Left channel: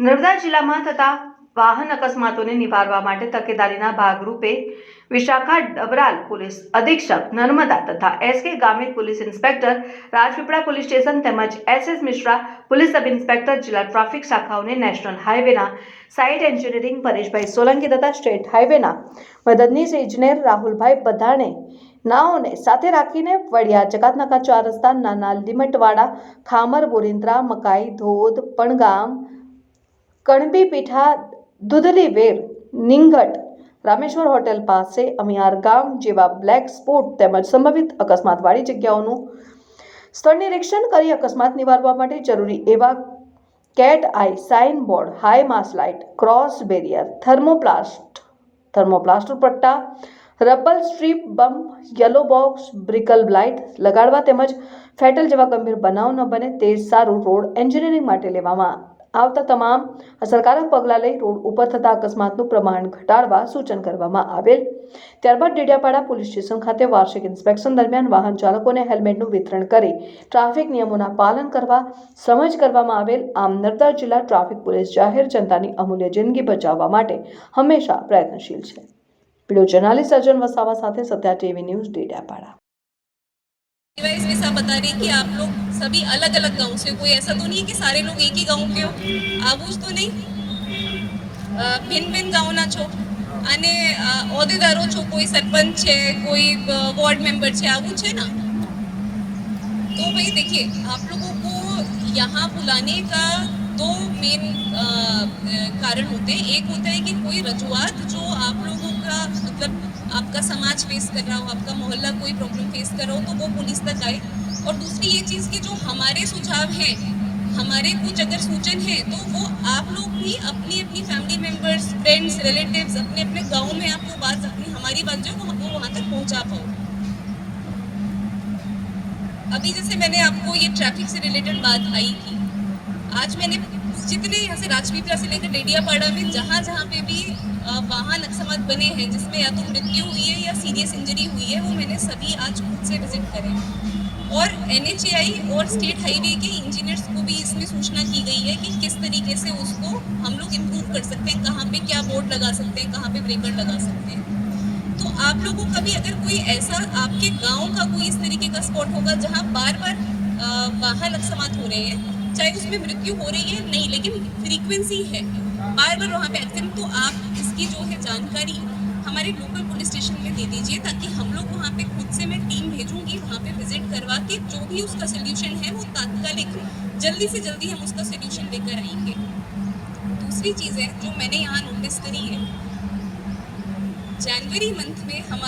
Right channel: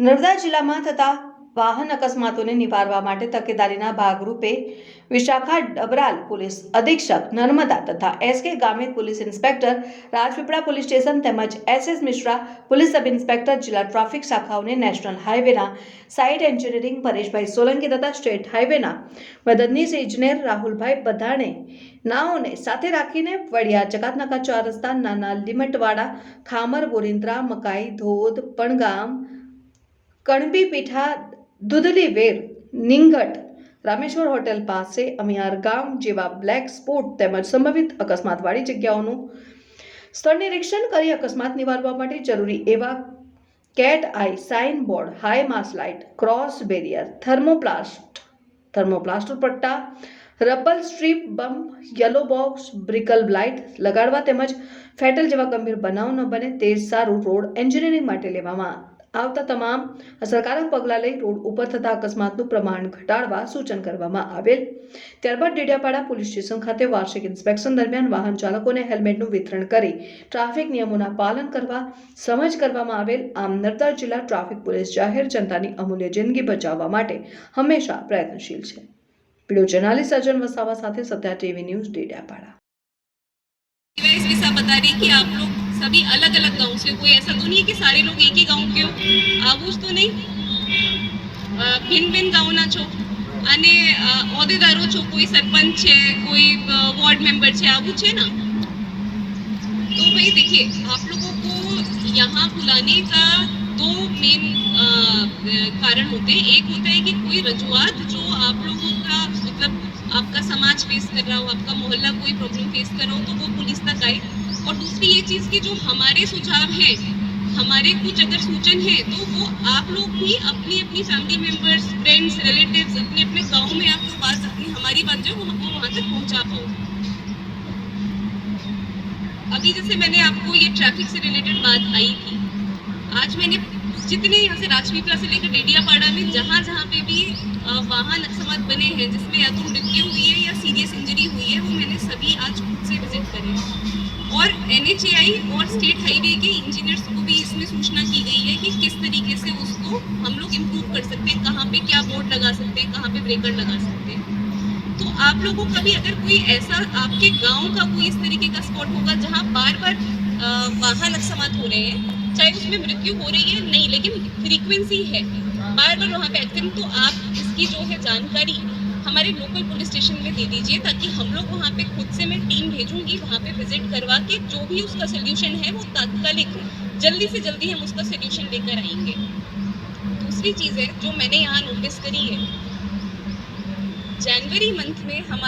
નર્મદા જિલ્લામાં થતા વાહન અકસ્માતોને નિવારવા માટે તકેદારીના ભાગરૂપે વિશાખા ડબરાલ પોલીસ અધિક્ષક નર્મદા તથા SK Gamit police inspector Rajpipla police station તેમજ SS Mishra police sub inspector જિલ્લા ટ્રાફિક શાખાઓને નેશનલ હાઈવેના સાઇટ એન્જિનિયરિંગ પરેશભાઈ સોલંકી તથા સ્ટેટ હાઈવેના મદદનીશ ઇજનેર રાહુલભાઈ બધાણે નાઓને સાથે રાખીને વડિયા જકાતનાકા 4 રસ્તા નાના લીમટવાડા ખામર બોરિંદ્રા મકાઈ ધોધ પણગામ કણબી પીઠા દુધલી વેર નિંગટ રામેશ્વર હોટેલ પાસે અમિયાર ગામ જેવા બ્લેક સ્પોટ તેમજ સંભવિત અકસ્માતવાળી જગ્યાઓનું સ્થળ નિરીક્ષણ કરી અકસ્માત નિવારવા માટે જરૂરી એવા cat eye sign board high mast light cross barrier thermoplastic પટ્ટા rubber strip bump yellow box બ્રિકલ લાઇટ લગાડવા તેમજ ફેટલ જેવા ગંભીર બનાવ ન બને તે સારું રોડ એન્જિનિયરિંગ માટે લેવામાં આવતા તમામ અસરકારક પગલાં લઈ રોડ ઉપર થતા અકસ્માતનું પ્રમાણ ઘટાડવા સૂચન કરવામાં આવેલ। ત્યારબાદ ડેડિયાપાડા પોલીસ સ્ટેશન ખાતે વાર્ષિક ઇન્સ્પેક્શન દરમિયાન વાહન ચાલકોને હેલ્મેટનું વિતરણ કરી ટ્રાફિક નિયમોના પાલન કરવા સમજ કરવામાં આવેલ। આમ નર્મદા જિલ્લા ટ્રાફિક પોલીસ જાહેર જનતાની અમૂલ્ય જિંદગી બચાવવા માટે હંમેશા પ્રયત્નશીલ છે। वीडियो जर्नलिस्ट अर्जुन वसावा साथे सत्या टीवी न्यूज डेडियापाड़ा। ऐसा बता रही कि आप लोग सभी अलग अलग गांव से, कोई ऐसा तो नहीं है कि सारे लोग एक ही गांव के हो, आવું જ તો નહીં, ભિન્ન ભિન્ન ગાંવના છો અને હોદ્દેદારો છો, કોઈ સરપંચ છે, કોઈ वार्ड मेंबर છે, આવું છે ना। तो भाई देखिए, आप लोगों को यहाँ बुलाने का दो मेन कारण होते हैं। एक होता है कि कोई रजूआत जो आप लोगों का मतलब आपका समाज फेस कर रहा हो, आपका मोहल्ला कोई प्रॉब्लम फेस कर रहा हो, तो वो पुलिस तक आए। और दूसरी ये चीज़ कि जो हमारे सुझाव हैं, हमारे कुछ अगर सूचन हैं, तो वो आप लोग भी अपनी अपनी फैमिली मेम्बर्स, फ्रेंड्स, रिलेटिव्स, अपने अपने गाँव में आप वो बात अपनी हमारी बात जो वो वहाँ तक पहुँचा पाओ। अभी जैसे मैंने आपको ये ट्रैफिक से रिलेटेड बात आई थी, आज मैंने जितने यहाँ से राजपीपला से लेकर डेडियापाड़ा में जहाँ जहाँ पे भी वाहन अकस्मात बने हैं जिसमें या तो मृत्यु हुई है या सीरियस इंजरी हुई है, वो मैंने सभी आज खुद से विजिट करे। और NHAI और स्टेट हाईवे के इंजीनियर्स को भी इसमें सूचना की गई है कि किस तरीके से उसको हम लोग इम्प्रूव कर सकते हैं, कहाँ पे क्या बोर्ड लगा सकते हैं, कहाँ पे ब्रेकर लगा सकते हैं। तो आप लोगों का भी अगर कोई ऐसा आपके गाँव का कोई इस तरीके का स्पॉट होगा जहाँ बार बार वाहन अकस्मात हो रहे हैं, चाहे उसमें मृत्यु हो रही है नहीं, लेकिन फ्रीक्वेंसी है बार बार वहाँ पे एक्सीडेंट, तो आप इसकी जो है जानकारी हमारे लोकल पुलिस स्टेशन में दे दीजिए, ताकि हम लोग वहाँ पे खुद से मैं टीम भेजूंगी, वहाँ पे विजिट करवा के जो भी उसका सोल्यूशन है वो तात्कालिक जल्दी से जल्दी हम उसका सोल्यूशन लेकर आएंगे। दूसरी चीज़ है जो मैंने यहाँ नोटिस करी है, जनवरी मंथ में हमारे